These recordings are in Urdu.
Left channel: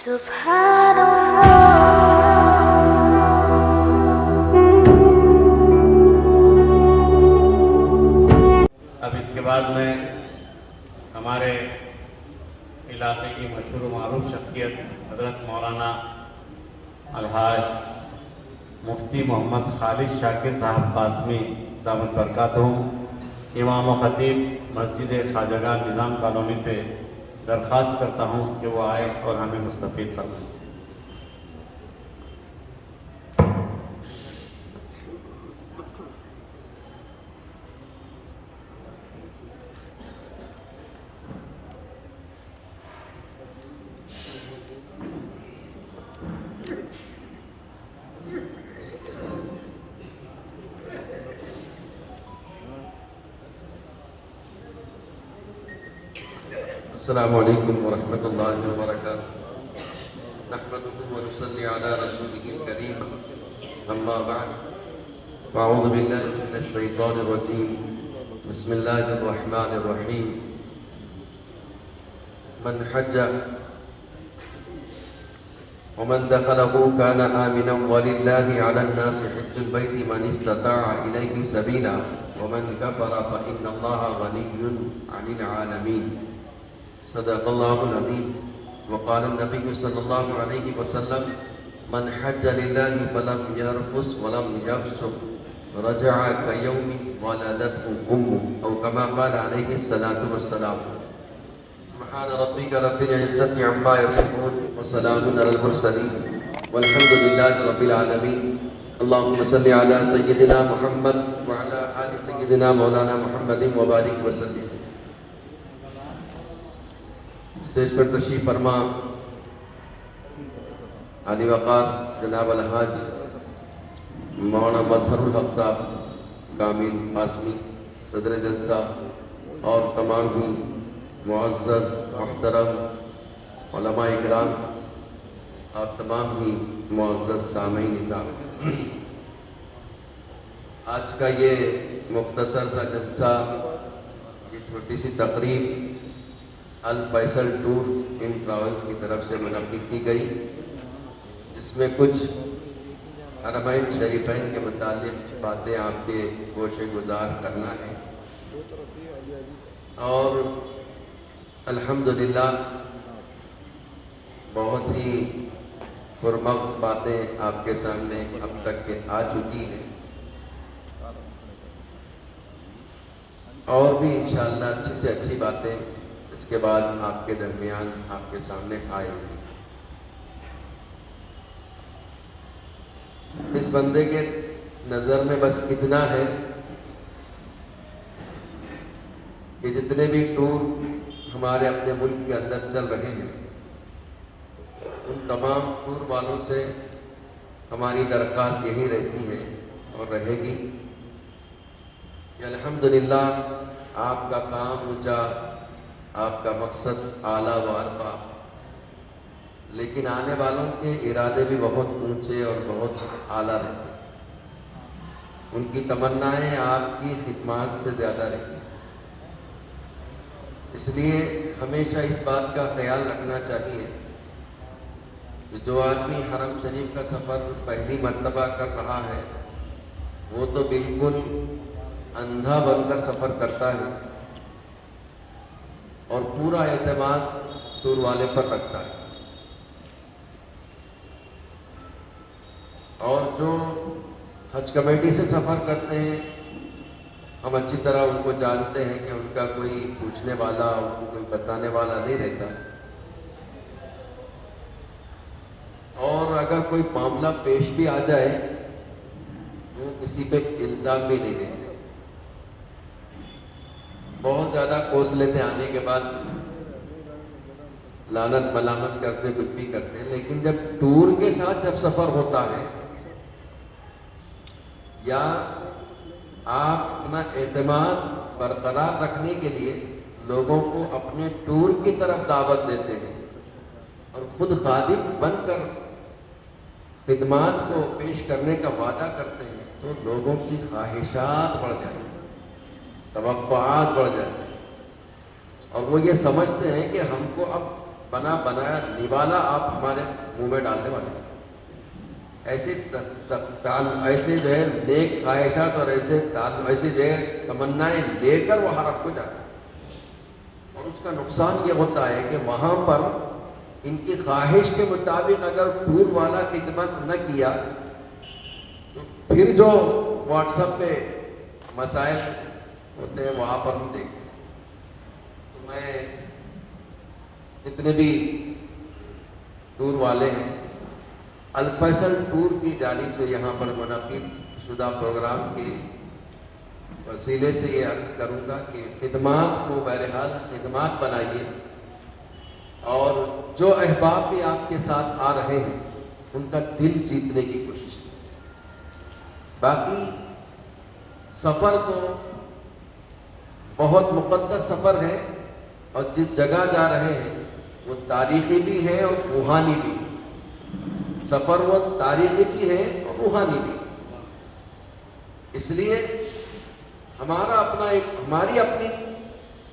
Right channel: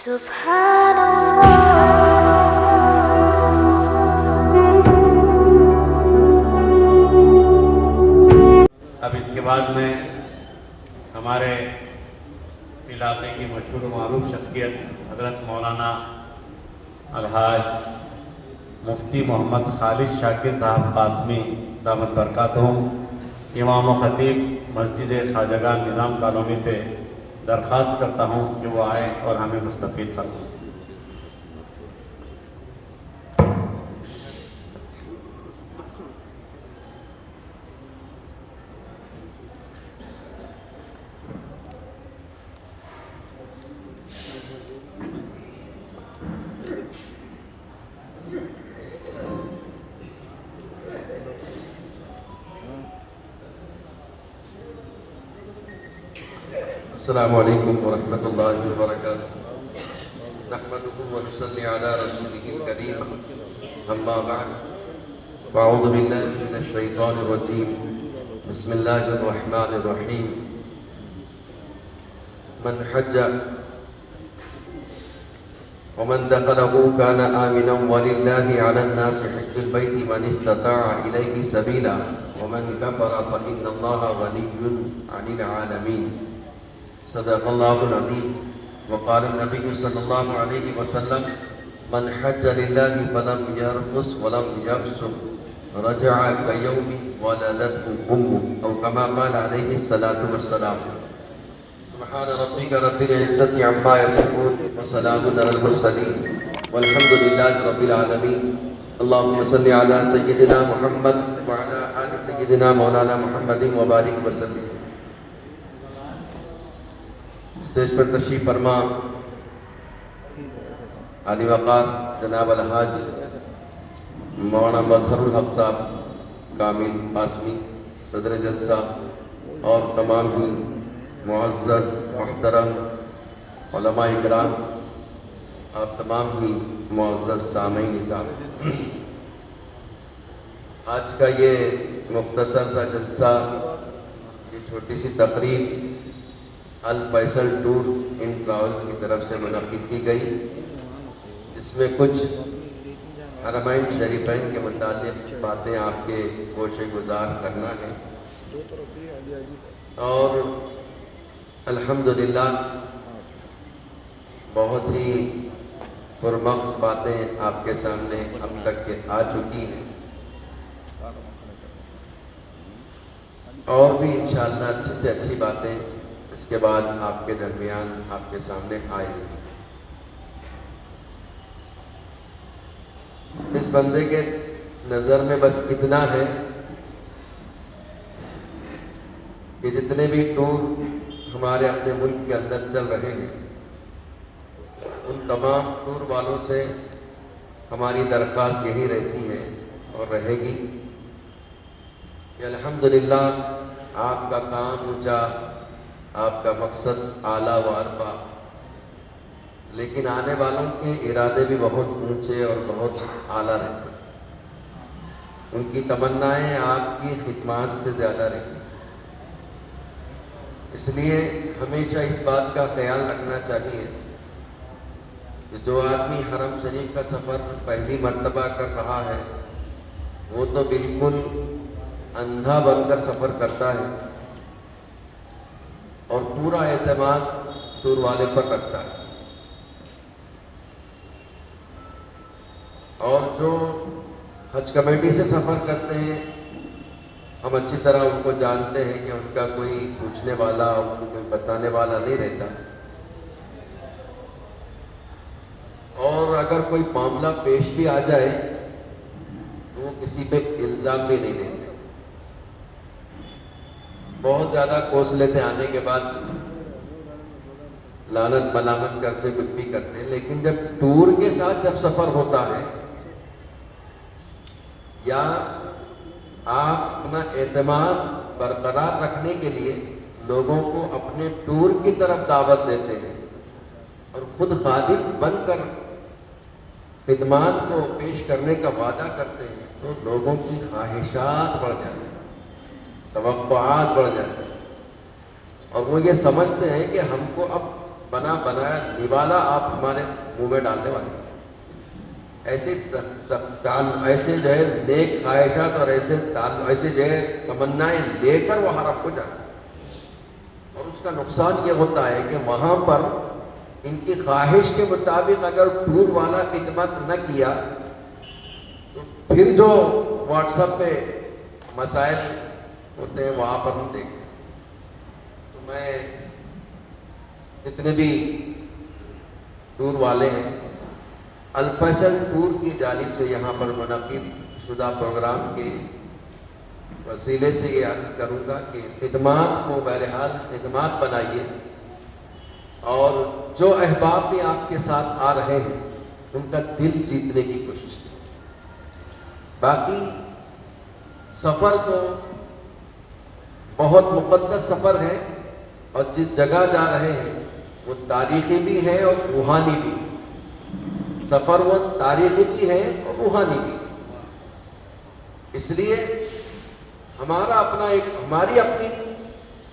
سبحان اب اس کے بعد میں ہمارے علاقے کی مشہور و معروف شخصیت حضرت مولانا الحاج مفتی محمد خالد شاکر صاحب قاسمی دامت برکاتہم امام و خطیب مسجد خواجگاہ نظام کالونی سے درخواست کرتا ہوں کہ وہ آئے اور ہمیں مستفید فرمائیں۔ السلام علیکم ورحمۃ اللہ وبرکاتہ۔ نحمدہ ونصلی علی رسولہ الکریم، اما بعد، اعوذ باللہ من الشیطان الرجیم، بسم اللہ الرحمن الرحیم۔ من حج ومن دخلہ کان آمنا وللہ علی الناس حج البیت من استطاع الیہ سبیلا ومن کفر فإن اللہ غنی عن العالمین۔ صدق اللہ العظیم۔ وقال النبی صلی اللہ علیہ وسلم من حج للہ فلم یرفث ولم یفسق رجع کیوم ولدته امه او کما قال علیہ الصلاۃ والسلام۔ سبحان ربک رب العزة عما یصفون وسلام علی المرسلین والحمد للہ رب العالمین۔ اللہم صل علی سیدنا محمد وعلی آل سیدنا مولانا محمد وبارک وسلم۔ اسٹیج پر تشریف فرما علی وقار جناب الحاج مولانا مظہر الحق صاحب کامل قاسمی صدر جلسہ اور تمام ہی معزز محترم علماء کرام، آپ تمام ہی معزز سامعین نظام، آج کا یہ مختصر سا جلسہ، یہ چھوٹی سی تقریب الفیصل ٹور ان ٹراولز کی طرف سے منعقد کی گئی، جس میں کچھ حرمین شریفین کے متعلق باتیں آپ کے گوشے گزار کرنا ہے، اور الحمدللہ بہت ہی پرمغز باتیں آپ کے سامنے اب تک کے آ چکی ہیں، اور بھی انشاءاللہ اچھی سے اچھی باتیں اس کے بعد آپ کے درمیان آپ کے سامنے آئیں گی۔ اس بندے کے نظر میں بس اتنا ہے کہ جتنے بھی ٹور ہمارے اپنے ملک کے اندر چل رہے ہیں، ان تمام ٹور والوں سے ہماری درخواست یہی رہتی ہے اور رہے گی کہ الحمدللہ آپ کا کام اونچا، آپ کا مقصد اعلیٰ و ارفع، لیکن آنے والوں کے ارادے بھی بہت اونچے اور بہت اعلیٰ رہتے ہیں، ان کی تمنائیں آپ کی خدمات سے زیادہ رہتی ہیں۔ اس لیے ہمیشہ اس بات کا خیال رکھنا چاہیے کہ جو آدمی حرم شریف کا سفر پہلی مرتبہ کر رہا ہے، وہ تو بالکل اندھا بن کر سفر کرتا ہے اور پورا اعتماد ٹور والے پر رکھتا ہے، اور جو حج کمیٹی سے سفر کرتے ہیں، ہم اچھی طرح ان کو جانتے ہیں کہ ان کا کوئی پوچھنے والا، ان کو کوئی بتانے والا نہیں رہتا، اور اگر کوئی معاملہ پیش بھی آ جائے وہ کسی پہ الزام بھی نہیں دیتے، بہت زیادہ کوس لیتے، آنے کے بعد لعنت ملامت کرتے، کچھ بھی کرتے، لیکن جب ٹور کے ساتھ جب سفر ہوتا ہے یا آپ اپنا اعتماد برقرار رکھنے کے لیے لوگوں کو اپنے ٹور کی طرف دعوت دیتے ہیں اور خود خادم بن کر خدمات کو پیش کرنے کا وعدہ کرتے ہیں، تو لوگوں کی خواہشات بڑھ جاتی ہیں، توقعات بڑھ جاتی ہیں، اور وہ یہ سمجھتے ہیں کہ ہم کو اب بنایا نوالا آپ ہمارے منہ میں ڈالنے والے ہیں۔ ایسے جو ہے نیک خواہشات اور ایسے جو ہے تمنائیں لے کر وہ حرم کو جاتے ہیں، اور اس کا نقصان یہ ہوتا ہے کہ وہاں پر ان کی خواہش کے مطابق اگر ٹور والا خدمت نہ کیا تو پھر جو واٹس ایپ پہ مسائل ہوتے ہیں وہاں پر ہم دیکھتے ہیں۔ تو میں جتنے بھی ٹور والے ہیں، الفیصل ٹور کی جانب سے یہاں پر منعقد شدہ پروگرام کے وسیلے سے یہ عرض کروں گا کہ خدمات کو بہرحال خدمات بنائیے، اور جو احباب بھی آپ کے ساتھ آ رہے ہیں ان کا دل جیتنے کی کوشش کریں۔ باقی سفر تو بہت مقدس سفر ہے، اور جس جگہ جا رہے ہیں وہ تاریخی بھی ہے اور روحانی بھی ہے۔ سفر وہ تاریخی بھی ہے اور روحانی بھی ہے، اس لیے ہماری اپنی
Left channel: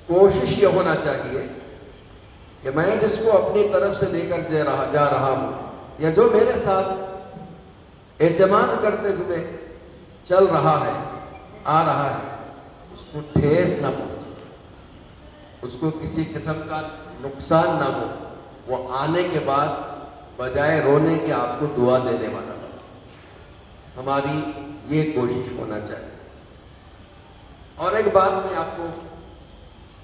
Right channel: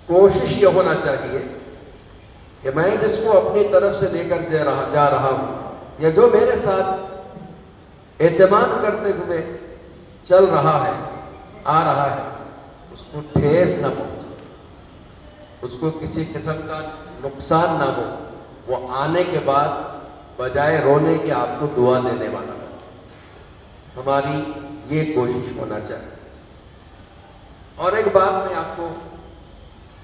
کوشش یہ ہونا چاہیے کہ میں جس کو اپنی طرف سے لے کر جا رہا ہوں، یا جو میرے ساتھ اعتماد کرتے ہوئے چل رہا ہے، آ رہا ہے، اس کو ٹھیس نہ پہنچے، اس کو کسی قسم کا نقصان نہ ہو۔ وہ آنے کے بعد بجائے رونے کے آپ کو دعا دینے والا، ہماری یہ کوشش ہونا چاہیے۔ اور ایک بات میں آپ کو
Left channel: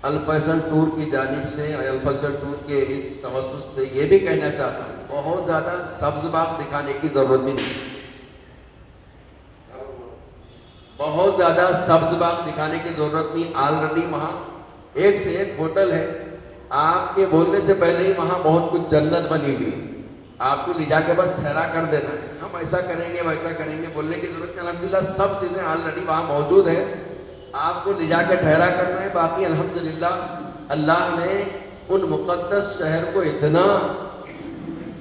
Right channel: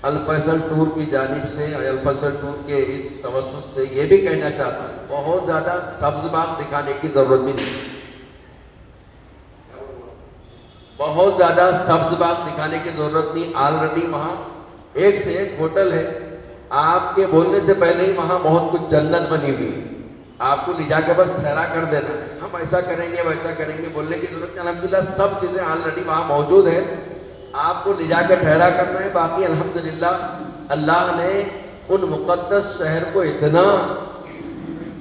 الفیصل ٹور کی جانب سے، الفیصل ٹور کے اس توسط سے یہ بھی کہنا چاہتا ہوں، بہت زیادہ سبز باغ دکھانے کی ضرورت نہیں، بہت زیادہ سبز باغ دکھانے کی ضرورت نہیں۔ آلریڈی وہاں ایک سے ایک ہوٹل ہے، آپ کے بولنے سے پہلے ہی وہاں بہت کچھ جنت بنی ہوئی ہے، آپ کو لے جا کے بس ٹھہرا کر دینا ہے، ہم ایسا کریں گے ویسا کریں گے، بولنے کی ضرورت نہیں۔ الحمدللہ سب چیزیں آلریڈی وہاں موجود ہیں، آپ کو لے جا کے ٹھہرا کرنا ہے۔ باقی الحمدللہ اللہ نے ان مقدس شہر کو اتنا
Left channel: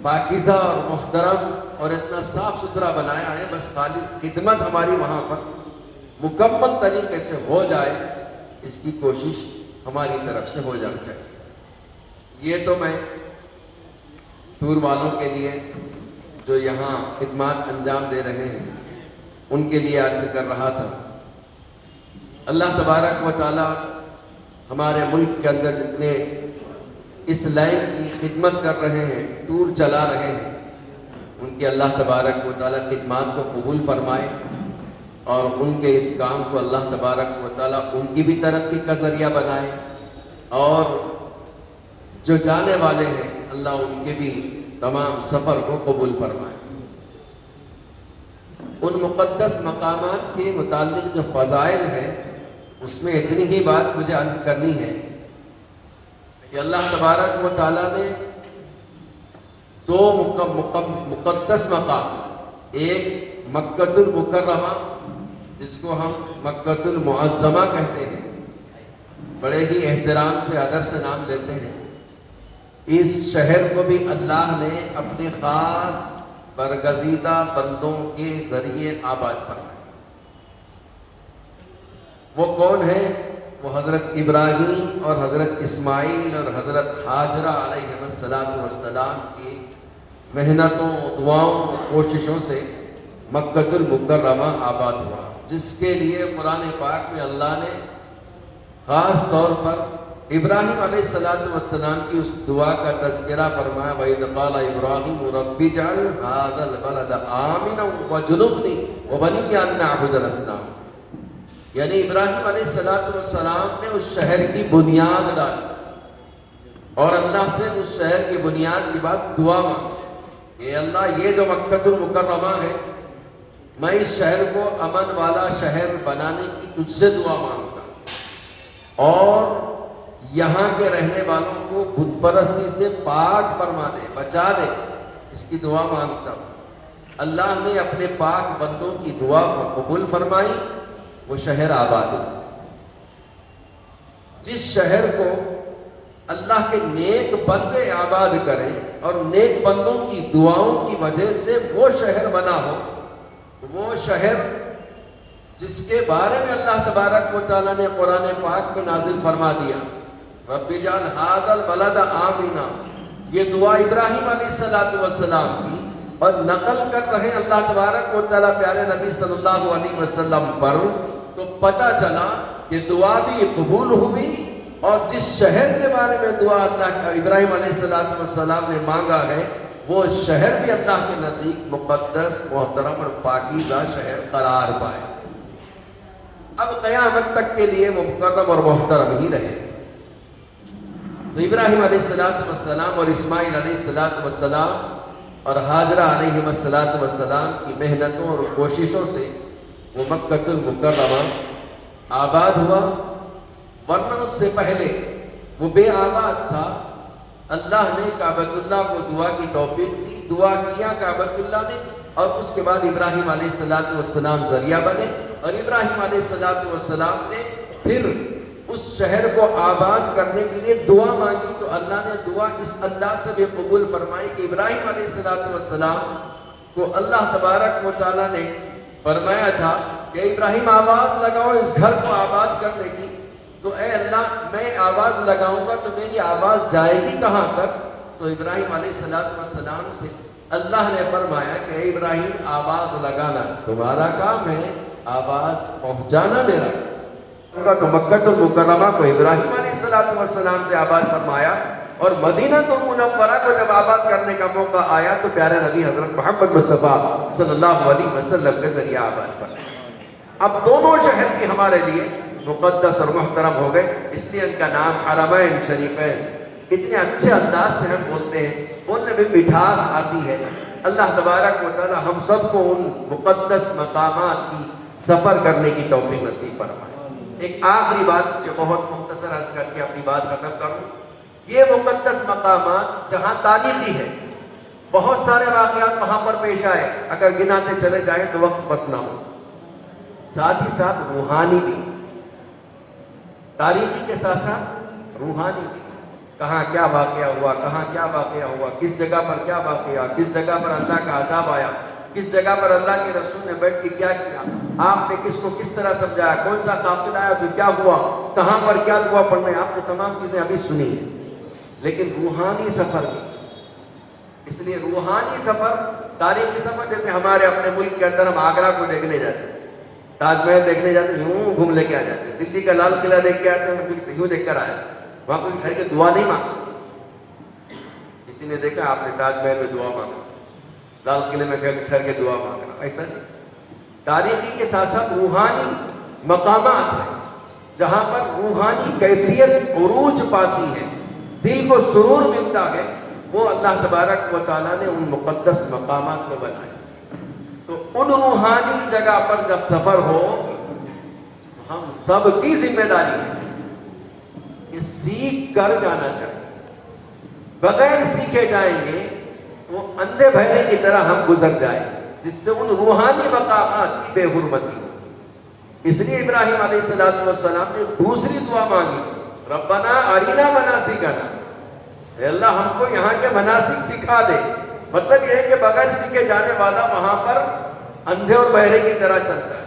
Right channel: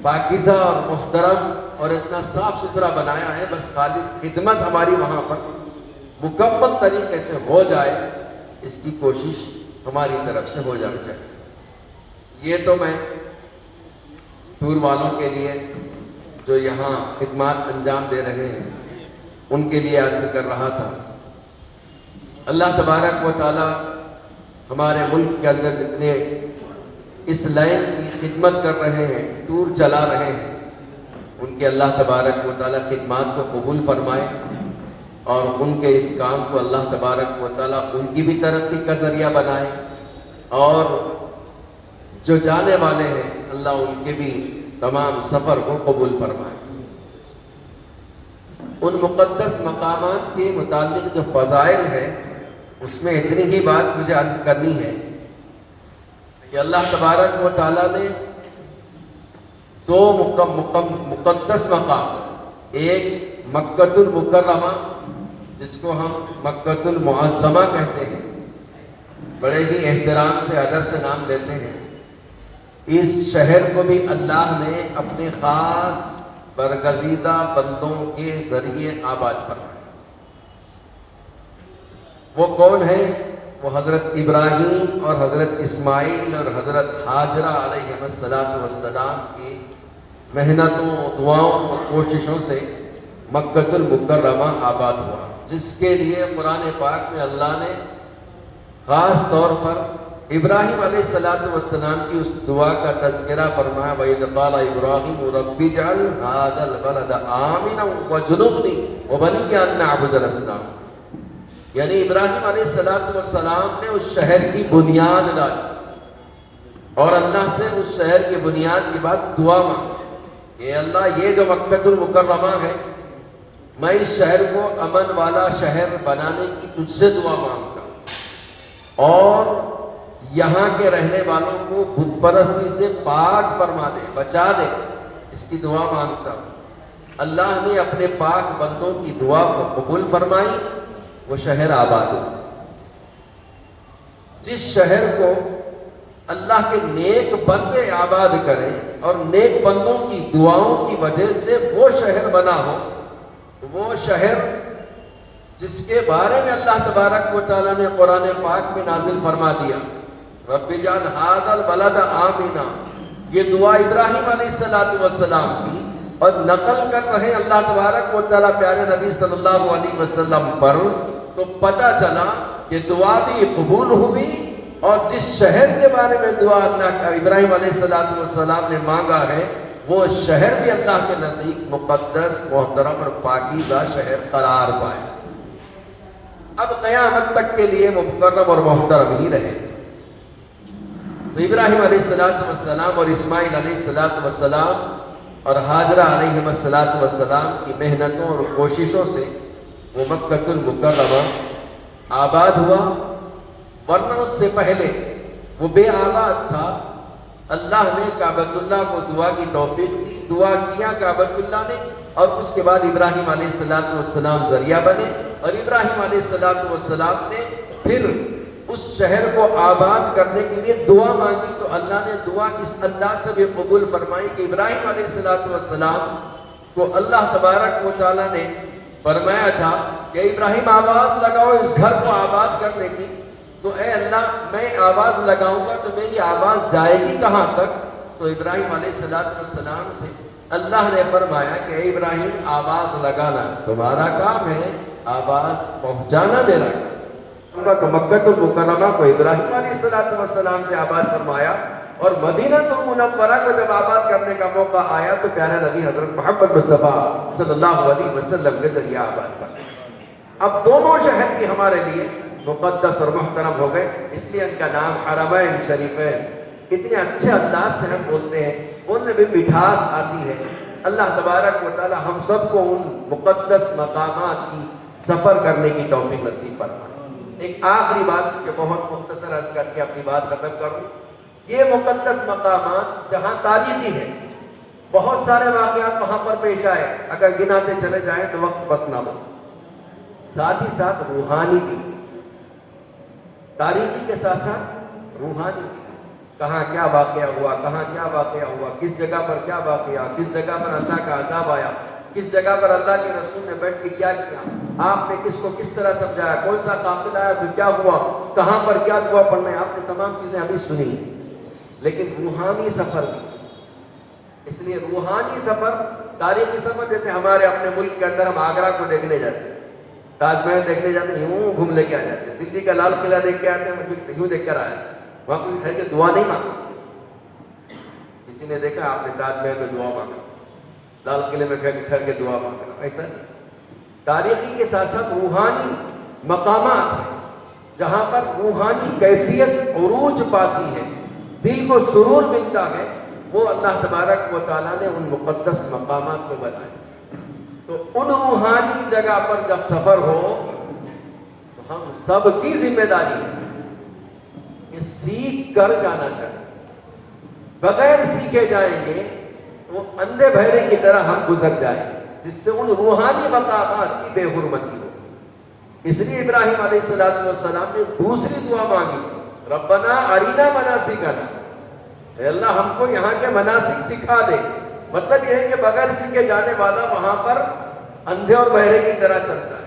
پاکیزہ اور محترم اور اتنا صاف ستھرا بنایا ہے، بس خالی خدمت ہماری وہاں پر مکمل طریقے سے ہو جائے، اس کی کوشش ہماری طرف سے ہو جانی چاہیے۔ یہ تو میں ٹور والوں کے لیے جو یہاں خدمات انجام دے رہے ہیں ان کے لیے عرض کر رہا تھا۔ اللہ تبارک و تعالی ہمارے ملک کے اندر جتنے اس لائن کی خدمت کر رہے ہیں، ٹور چلا رہے ہیں، ان کے اللہ تبارک و تعالی خدمات کو قبول فرمائے، اور ان کے اس کام کو اللہ تبارک و تعالی ان کی بھی ترقی کا ذریعہ بنائے، اور جو جانے والے ہیں اللہ ان کے بھی تمام سفر کو قبول فرمائے۔ ان مقدس مقامات کے متعلق جو فضائل ہیں اس میں اتنی ہی بات مجھے عرض کرنی ہے کہ اللہ تبارک و تعالیٰ نے دو مقدس مقام، ایک مکۃ المکرمہ جس کو ہم مکۃ المعظمہ کہتے ہیں، بڑے ہی احترام سے ادب سے نام لیتے ہیں، اس شہر کو بھی اللہ نے اپنے خاص برگزیدہ بندوں کے ذریعے آباد فرمایا۔ وہ کون ہیں؟ وہ حضرت ابراہیم اور حضرت اسماعیل اور حضرت حاجرہ علیہ السلام کی محنتوں، دعاؤں اور کوششوں سے مکۃ المکرمہ آباد ہوا، جس کے لیے قرآن پاک میں اللہ نے خاص طور پر ابراہیم علیہ السلام کی اس دعا کا تذکرہ فرمایا، وَإِذْ قَالَ إِبْرَاهِيمُ رَبِّ اجْعَلْ هَٰذَا الْبَلَدَ آمِنًا وَاجْنُبْنِي وَبَنِيَّ أَن نَّعْبُدَ الْأَصْنَامَ۔ یعنی ابراہیم علیہ السلام نے اس شہر کی بنیاد ڈالی، اور اللہ سے اس شہر کی بنیاد کے بعد دعا مانگی کہ اللہ یہ جو مکۃ المکرمہ ہے، میں اس شہر کو امن والا شہر بنانے کی تجھ سے دعا مانگتا، اور یہاں کے رہنے والوں کو بت پرستی سے پاک فرما دے، بچا دے، اس کی دعا مانگتا ہوں۔ اللہ نے اپنے پاک بندوں کی دعا کو قبول فرمائی، وہ شہر آباد ہوا۔ جس شہر کو اللہ کے نیک بندے آباد کریں اور نیک بندوں کی دعاؤں کی وجہ سے وہ شہر بنا ہو، وہ شہر جس کے بارے میں اللہ تبارک و تعالیٰ نے قرآن پاک میں نازل فرما دیا، رب اجعل ھذا البلد آمنا، یہ دعا ابراہیم علیہ السلام کی، اور نقل کر رہے اللہ تبارک و تعالیٰ پیارے نبی صلی اللہ علیہ وسلم پر، تو پتہ چلا کہ دعا بھی قبول ہوئی، اور جس شہر کے بارے میں دعا اللہ ابراہیم علیہ السلام نے مانگا ہے، وہ شہر بھی اللہ کے نزدیک مقدس، محترم اور پاکیزہ شہر قرار پائے، اب قیامت تک کے لیے وہ مکرم اور محترم ہی رہے۔ تو ابراہیم علیہ السلام اور اسماعیل علیہ السلام اور حاجرہ علیہ السلام کی محنتوں اور کوششوں سے وہ مکہ المکرمہ آباد ہوا، ورنہ اس سے پہلے وہ بے آباد تھا۔ اللہ نے کعبۃ اللہ کو دعا کی توفیق دی، دعا کیا کعبۃ اللہ نے، اور اس کے بعد ابراہیم علیہ السلام ذریعہ بنے، اور ابراہیم علیہ السلام نے پھر اس شہر کو آباد کرنے کے لیے دعا مانگی، تو اللہ نے دعا اس انداز سے بھی قبول فرمائی کہ ابراہیم علیہ السلام کو اللہ تبارک و تعالیٰ نے فرمایا تھا کہ ابراہیم آواز لگاؤ اس گھر کو آباد کرنے کی، تو اے اللہ میں آواز لگاؤں گا تو میری آواز جائے گی کہاں تک؟ تو ابراہیم علیہ السلام سے اللہ نے فرمایا کہ اے ابراہیم آواز لگانا تمہارا کام ہے، آواز پہنچانا میرا کام۔ تو مکہ المکرمہ کو ابراہیم علیہ السلام سے آباد فرمایا، اور مدینہ المنورہ کو جب آباد کرنے کا موقع آیا تو پیارے نبی حضرت محمد مصطفیٰ صلی اللہ علیہ وسلم کے ذریعے آباد کر۔ اب دونوں شہر بھی ہمارے لیے مقدس اور محترم ہو گئے، اس لیے ان کا نام حرمین شریفین۔ اتنے اچھے انداز سے ہم بولتے ہیں، ان میں بھی مٹھاس آتی ہے۔ اللہ تبارک و تعالی ہم سب کو ان مقدس مقامات کی سفر کرنے کی توفیق نصیب فرمائے۔ ایک آخری بات جو بہت مختصر عرض کر کے اپنی بات ختم کروں، یہ مقدس مقامات جہاں تاریخی ہے، بہت سارے واقعات وہاں پر پیش آئے، اگر گناتے چلے جائیں تو وقت بس نہ ہو، ساتھ ہی ساتھ روحانی بھی، تاریخی کے ساتھ ساتھ روحانی بھی، کہاں کیا واقعہ ہوا، کہاں کیا واقعہ ہوا، کس جگہ پر کیا واقعہ، کس جگہ پر اللہ کا عذاب آیا، کس جگہ پر اللہ کے رسول نے بیٹھ کے کیا کیا، آپ نے کس کو کس طرح سمجھایا، کون سا قافلہ آیا تو کیا ہوا، کہاں پر کیا دعا پڑھنا ہے، آپ نے تمام چیزیں ابھی سنی ہیں۔ لیکن روحانی سفر بھی، اس لیے روحانی سفر، تاریخی سفر، جیسے ہمارے اپنے ملک کے اندر ہم آگرہ کو دیکھنے جاتے ہیں، تاج محل دیکھنے جاتے ہیں، یوں گھوم لے کے آ جاتے ہیں، دلی کا لال قلعہ دیکھ کے آتے ہیں، یوں دیکھ کر آیا، وہاں کوئی کھڑ کے دعا نہیں مانگا، کسی نے دیکھا آپ نے تاج محل میں دعا مانگا، لال قلعے میں کھڑ کے دعا مانگا، ایسا نہیں۔ تاریخی کے ساتھ ساتھ روحانی مقامات ہیں جہاں پر روحانی کیفیت عروج پاتی ہے، دل کو سرور ملتا ہے، وہ اللہ تبارک و تعالیٰ نے ان مقدس مقامات کو بنایا۔ تو ان روحانی جگہ پر جب سفر ہو تو ہم سب کی ذمہ داری ہے کہ سیکھ کر جانا چاہیے، بغیر سیکھے جائیں گے وہ اندھے بہرے کی طرح ہم گزر جائیں، جس سے ان روحانی مقامات کی بے حرمتی ہو۔ اس لیے ابراہیم علیہ السلام نے دوسری دعا مانگی، ربنا ارینا مناسکنا، اے اللہ ہم کو یہاں کے مناسک سکھا دے۔ مطلب یہ ہے کہ بغیر سیکھے جانے والا وہاں پر اندھے اور بہرے کی طرح چلتا ہے۔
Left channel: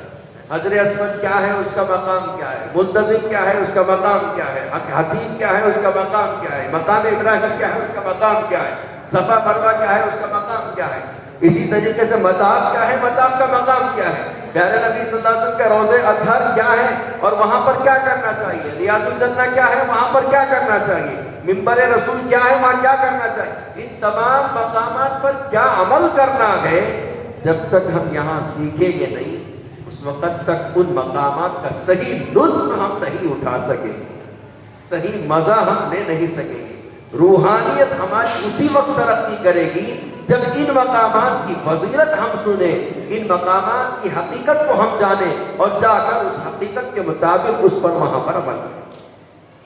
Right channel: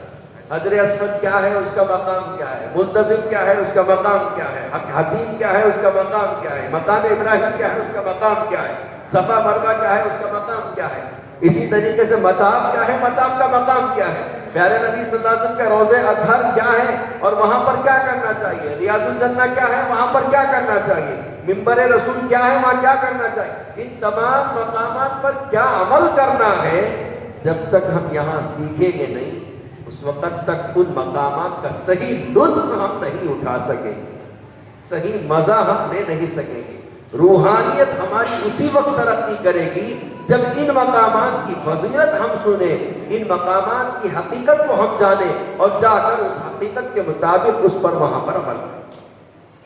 حجر اسود کیا ہے، اس کا مقام کیا ہے، منتظم کیا ہے، اس کا مقام کیا ہے، حتیم کیا ہے، اس کا مقام کیا ہے، مقام ابراہیم کیا ہے، اس کا مقام کیا ہے، صفا مروہ کیا ہے، اس کا مقام کیا ہے، اسی طریقے سے مطاف کیا ہے، مطاف کا مقام کیا ہے، پیارے نبی صلی اللہ علیہ وسلم کے روضے اطہر کیا ہے اور وہاں پر کیا کرنا چاہیے، ریاض الجنہ کیا ہے، وہاں پر کیا کرنا چاہیے، منبر رسول کیا ہے، وہاں کیا کرنا چاہیے، ان تمام مقامات پر کیا عمل کرنا ہے، جب تک ہم یہاں سیکھیں گے نہیں، اس وقت تک ان مقامات کا صحیح لطف ہم نہیں اٹھا سکیں گے، صحیح مزہ ہم لے نہیں سکیں گے۔ روحانیت ہماری اسی وقت ترقی کرے گی جب ان مقامات کی فضیلت ہم سنیں، ان مقامات کی حقیقت کو ہم جانیں اور جا کر اس حقیقت کے مطابق اس پر وہاں پر عمل کریں۔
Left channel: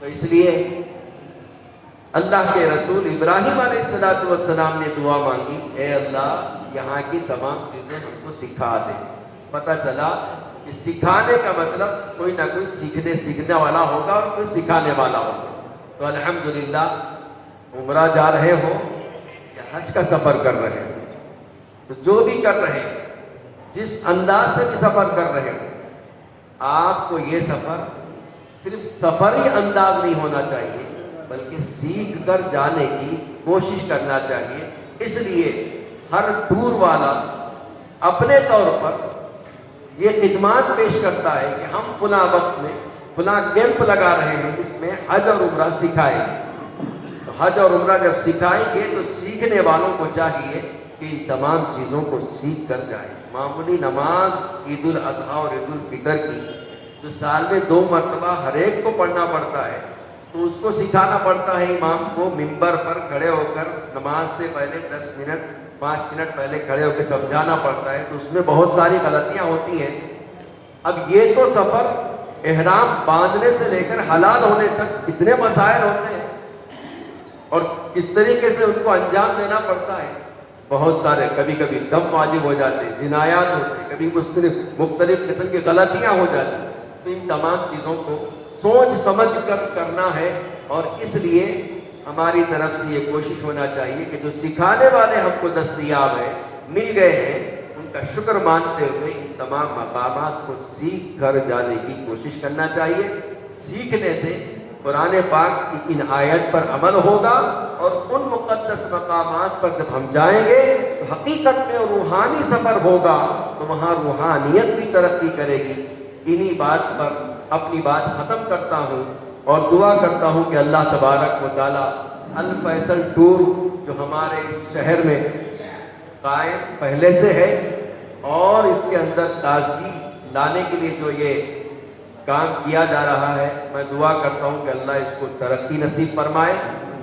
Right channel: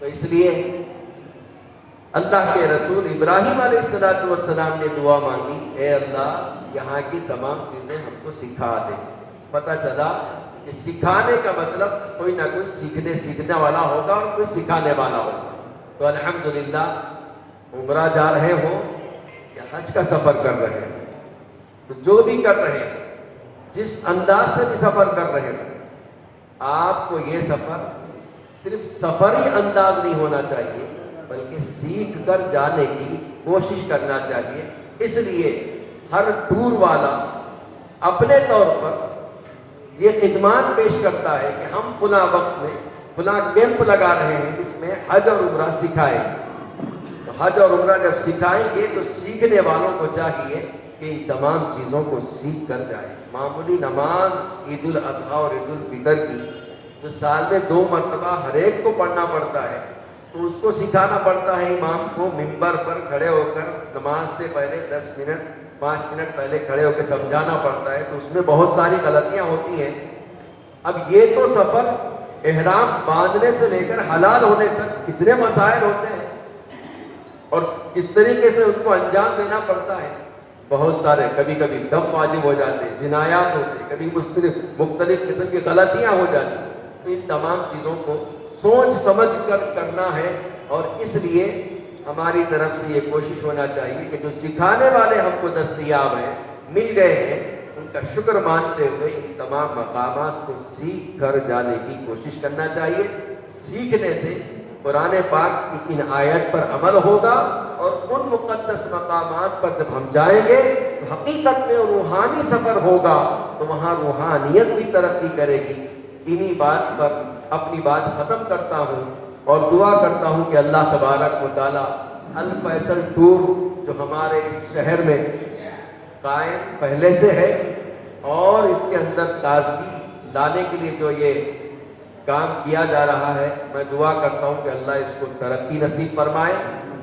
تو اس لیے اللہ کے رسول ابراہیم علیہ السلام نے دعا مانگی، اے اللہ یہاں کی تمام چیزیں ہم کو سکھا دے۔ پتہ چلا کہ سکھانے کا مطلب کوئی نہ کوئی سیکھنے والا ہوگا اور کوئی سکھانے والا ہوگا۔ تو الحمدللہ عمرہ جا رہے ہو یا حج کا سفر کر رہے ہو، تو جو بھی کر رہے ہیں، جس انداز سے بھی سفر کر رہے ہو، آپ کو یہ سفر صرف سفری انداز نہیں ہونا چاہیے، بلکہ سیکھ کر جانے کی کوشش کرنا چاہیے۔ اس لیے ہر ٹور والا اپنے طور پر یہ خدمات پیش کرتا ہے کہ ہم فلاں وقت میں فلاں کیمپ لگا رہے ہیں جس میں حج اور عمرہ سکھائیں۔ تو حج اور عمرہ جب سکھائیں گے تو سیکھنے والوں کو چاہیے کہ ان تمام چیزوں کو سیکھ کر جائیں۔ معمولی نماز عید الاضحیٰ اور عید الفطر کی جو سال میں 2 مرتبہ ہر ایک کو پڑھنا پڑتا ہے، تو اس کو سکھانا پڑتا ہے امام کو ممبر پر کھڑے ہو کر نماز سے پہلے 10 منٹ 5 منٹ پہلے کھڑے ہو کے سمجھانا پڑتا ہے، تو اس میں بہت ساری غلطیاں ہوتی ہیں۔ اب یہ تو سفر احرام باندھنے سے لے کر حلال ہونے تک کتنے مسائل ہوتے ہیں اور کس طریقے سے ان کو انجام دینا پڑتا ہے۔ بہت سارے کبھی کبھی دم واجب ہو جاتے، جنایات ہوتے، کبھی مختلف قسم کی غلطیاں ہو جاتی۔ تو ان تمام چیزوں کو سوچ سمجھ کر کرنا ہے، اور اس لیے ہماری طرف سے یہ کوشش ہونا چاہیے کہ جو سکھانے والے ہم کو دستیاب ہیں، مل گئے ہیں، ان کا شکر مانتے ہوئے ان تمام مقامات کو سیکھ کر جانے کی کوشش کرنا چاہیے۔ سیکھنے سے قرآن پاک کی ان آیت پر عمل ہوگا، اور ان مقدس مقامات پر جب ہم جائیں گے تو حقیقت میں روحانی سفر ہوگا، تو وہاں روحانیت بھی ترقی کرے گی۔ انہی بات پر اپنی بات ختم کرتا ہوں اور دعا کرتا ہوں کہ اللہ تبارک و تعالی الفیصل ٹور جو ہمارے اس شہر میں قائم پہلے سے ہے، اور اس کے اندر تازگی لانے کے لیے جو یہ کام کیا جا رہا ہے، میں دعا کرتا ہوں کہ اللہ اس کو ترقی نصیب فرمائے،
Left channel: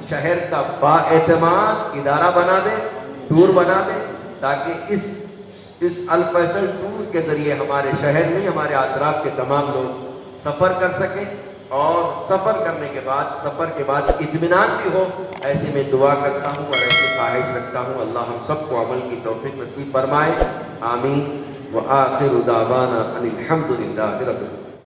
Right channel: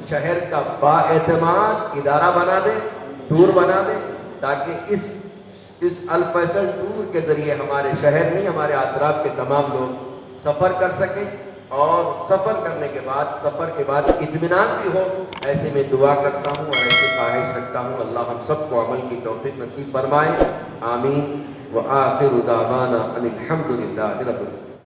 شہر کا با اعتماد ادارہ بنا دے، ٹور بنا دے، تاکہ اس الفیصل ٹور کے ذریعے ہمارے شہر میں ہمارے اطراف کے تمام لوگ سفر کر سکیں، اور سفر کرنے کے بعد سفر کے بعد اطمینان بھی ہو۔ ایسے میں دعا کرتا ہوں اور ایسے خواہش رکھتا ہوں اللہ ہم سب کو عمل کی توفیق نصیب فرمائے، آمین۔ وآخر دعوانا ان الحمد للہ رب العالمین۔